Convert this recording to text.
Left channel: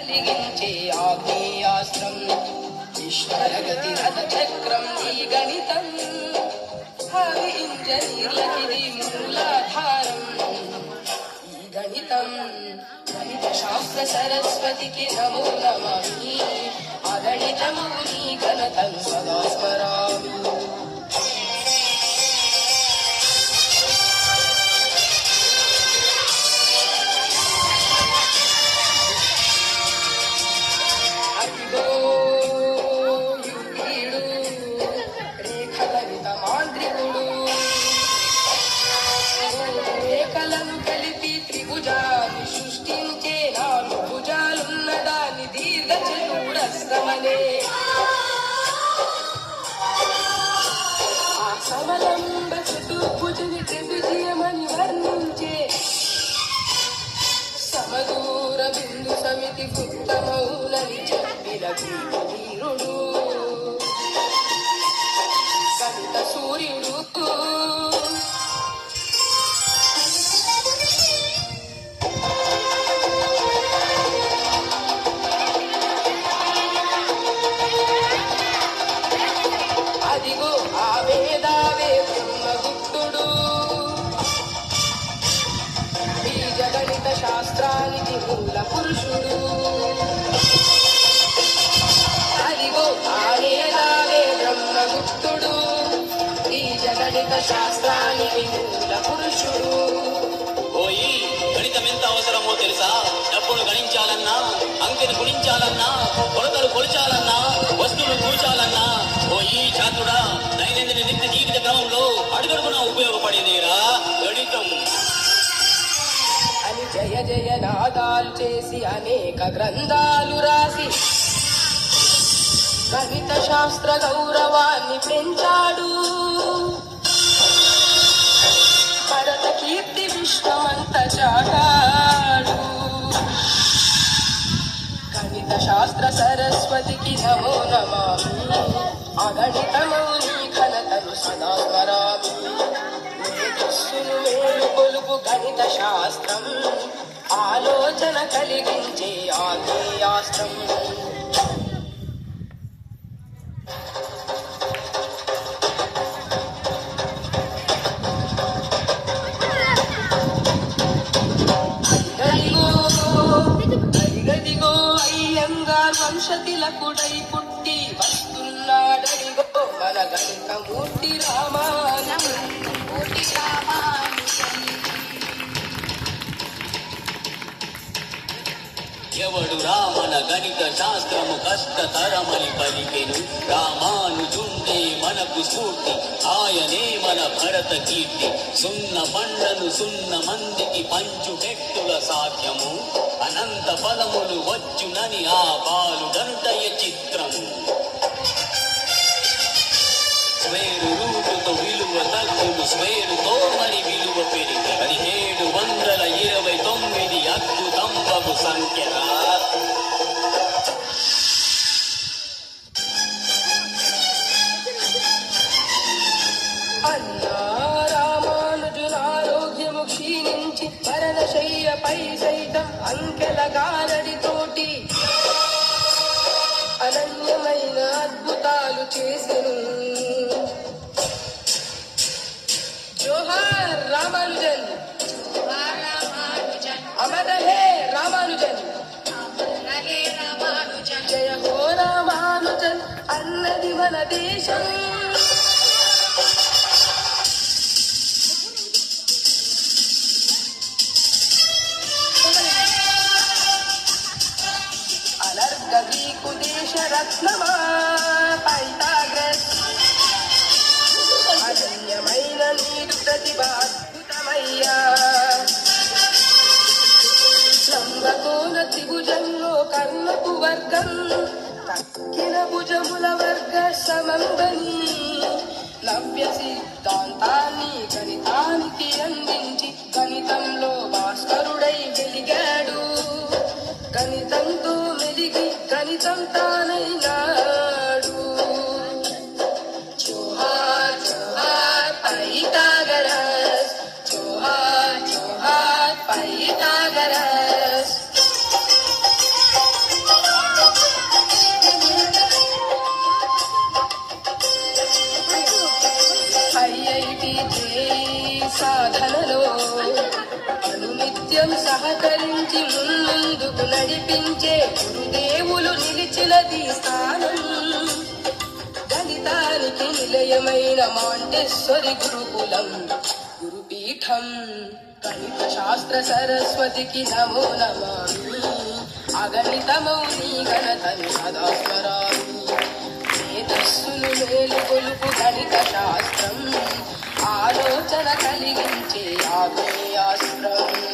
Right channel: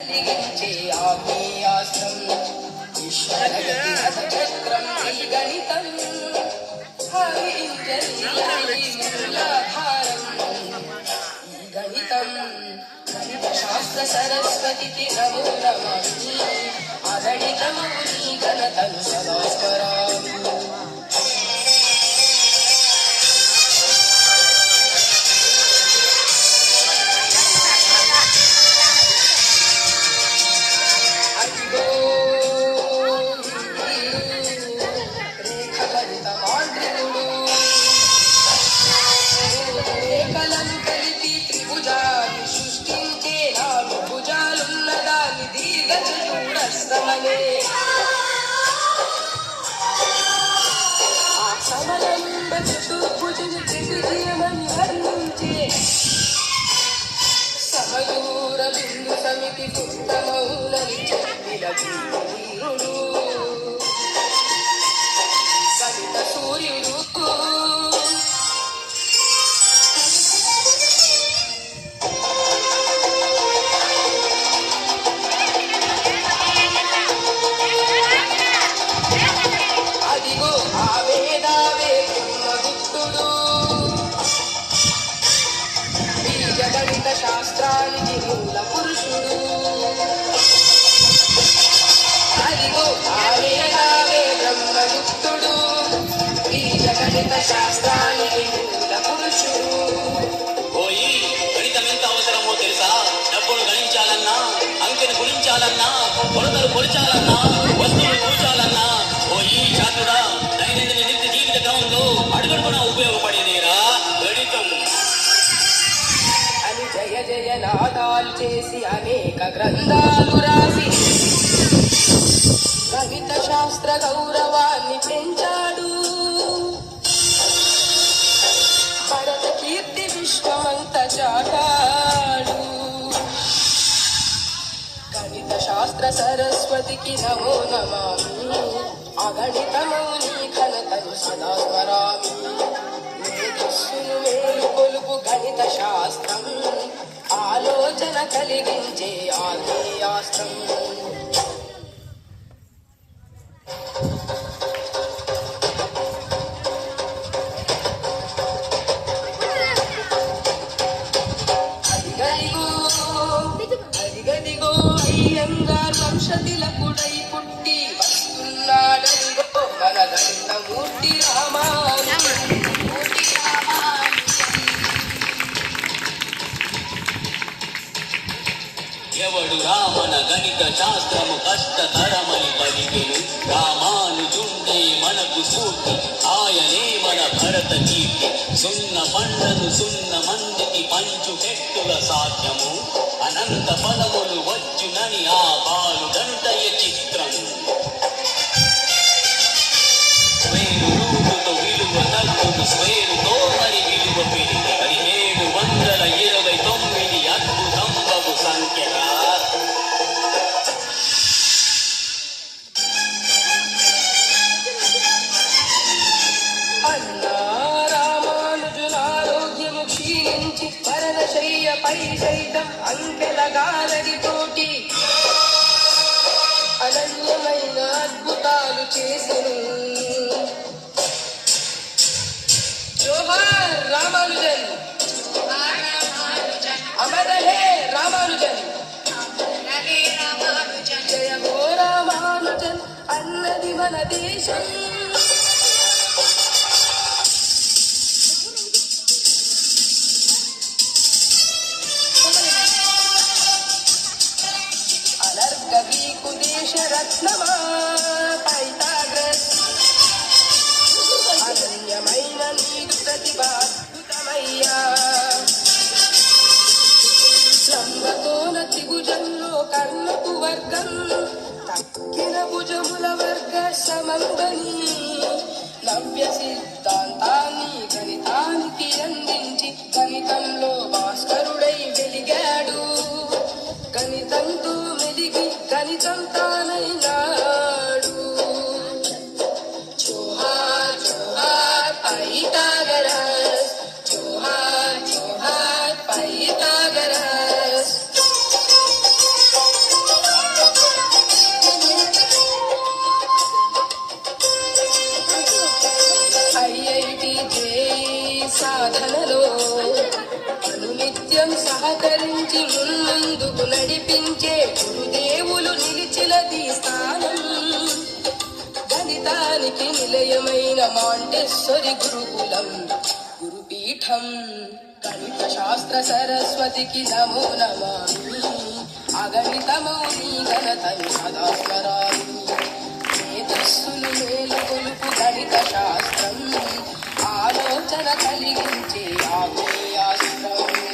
కలిగించే ఆగ్నేయాస్త్రం విశ్వరగతి రథచక్రం ఈ గణితం హరి ఇంద్రనీలగిరి మూలాధారం ఈ గణితం గణిత శాస్త్ర సరస్వతికి నమో నమామి అగణితము నీ ఘనతను సదా స్మరామి. రేఖలను కలిపి త్రిభుజాలు సృష్టించే నాలుగు భుజాలున్నదాన్ని దీర్ఘచతురస్రమనే ఆ సమలంబ చతుర్భుజని త్రివిజయమని వర్ణించే సమదూర బిందు సమితి ఉత్తమౌనని చెప్పిన వీరుడు సవిత సూర్యుడు. అదిగో ఆ వేదావే బ్రహ్మగుప్తుడు బీజగణిత శాస్త్రానికి మూల పురుషుడు. అదిగో ఆ వేదావే బ్రహ్మగుప్తుడు బీజగణిత శాస్త్రానికి మూల పురుషుడు. ఓయి గణితం ఎంత అవసరమో తెలుసా? డబ్బును గణించాలన్నా, అంకెను గుణించాలన్నా, కొలతలు కొలిచాలన్నా, వస్తువులు కూర్చాలన్నా ఓయి చాతుడా దైనందిన నిత్య జీవిత క్రమంలో అడుగడుగున ఉపయోగపడేదేరా గణితం అని జయ జయ నాదాలు చేసి అనేక గ్రంథాలు రాసి గణిత శాస్త్ర గౌరవాన్ని పెంచాడు. భరత కీర్తి విశ్వమంత చాటాడు. గణిత శాస్త్ర సరస్వతికి నమో నమామి అగణితము నీ ఘనతను సదా స్మరామి. మేధస్సును మేలు కొలుపు గణిత శాస్త్రం ఆలోచన కలిగించే ఆగ్నేయాస్త్రం. అదిగదిగో అయ్యంగార్ వంశతిలకుడై పుట్టి వస్తున్నాడదిగో మన గణిత మూర్తి ఎవడు రామన గణిత శాస్త్రము కష్టతరమని పలికెను రామానుజుండే మనకు స్ఫూర్తి ఆయనే మన భరత కీర్తి. సున్న పండ్లను సున్న మందికి పంచు వ్యక్తుల సాధ్యము అనంత ఫలములు వచ్చునని ఆ పాలు గంటయ చిత్రము. స్వేరు రూపుతో విలువ తగ్గును స్వేరుతో మరి విలువ పెరిగి 1729 అద్భుతంబగు సంఖ్యగా అన్నా రామానుజులారోగ్యము క్షీణించి పరదశయ్యపై సైతం అంకెల గారడితోటి అనన్యమైన అద్భుతాలు చేసెను. జోహార్ రామానుజన్, అమర హే రామానుజన్, జయ హో రామానుజన్ అన్నది మన దేశం. అనర్గవీకు దేశ రత్నమా పైథాగరస్ అనన్యమైన నీ ప్రతిభ అద్భుతమయ్యా. లంబకోణ త్రిభుజంలో కర్ణపు వర్గం కక్కిన భుజముల వర్గ సమందని నవ్య సిద్ధాంతాన్ని గణితానికి అందించి గణితంలో భాస్కరుడై వెలిగాడు. గణితంతో మెలిగి గణితం తానైనాడు. జోహార్ జోహార్ పైథాగరస్, జోహార్ జోహార్ పైథాగరస్. నిత్యం సహకరించి ముందుకు నడిపించే గురుదేవులు నిలిచినది స్థానం. గణితానికి నిలయమైన మాంటెస్సరి గురుకులం గురుపీఠం. గణిత శాస్త్ర సరస్వతికి నమో నమామి. అగణితమౌ నీ ఘనతను సదా స్మరామి. మేధస్సును మేలుకొలుపు గణిత శాస్త్రం, ఆలోచన కలిగించే ఆగ్నేయాస్త్రం.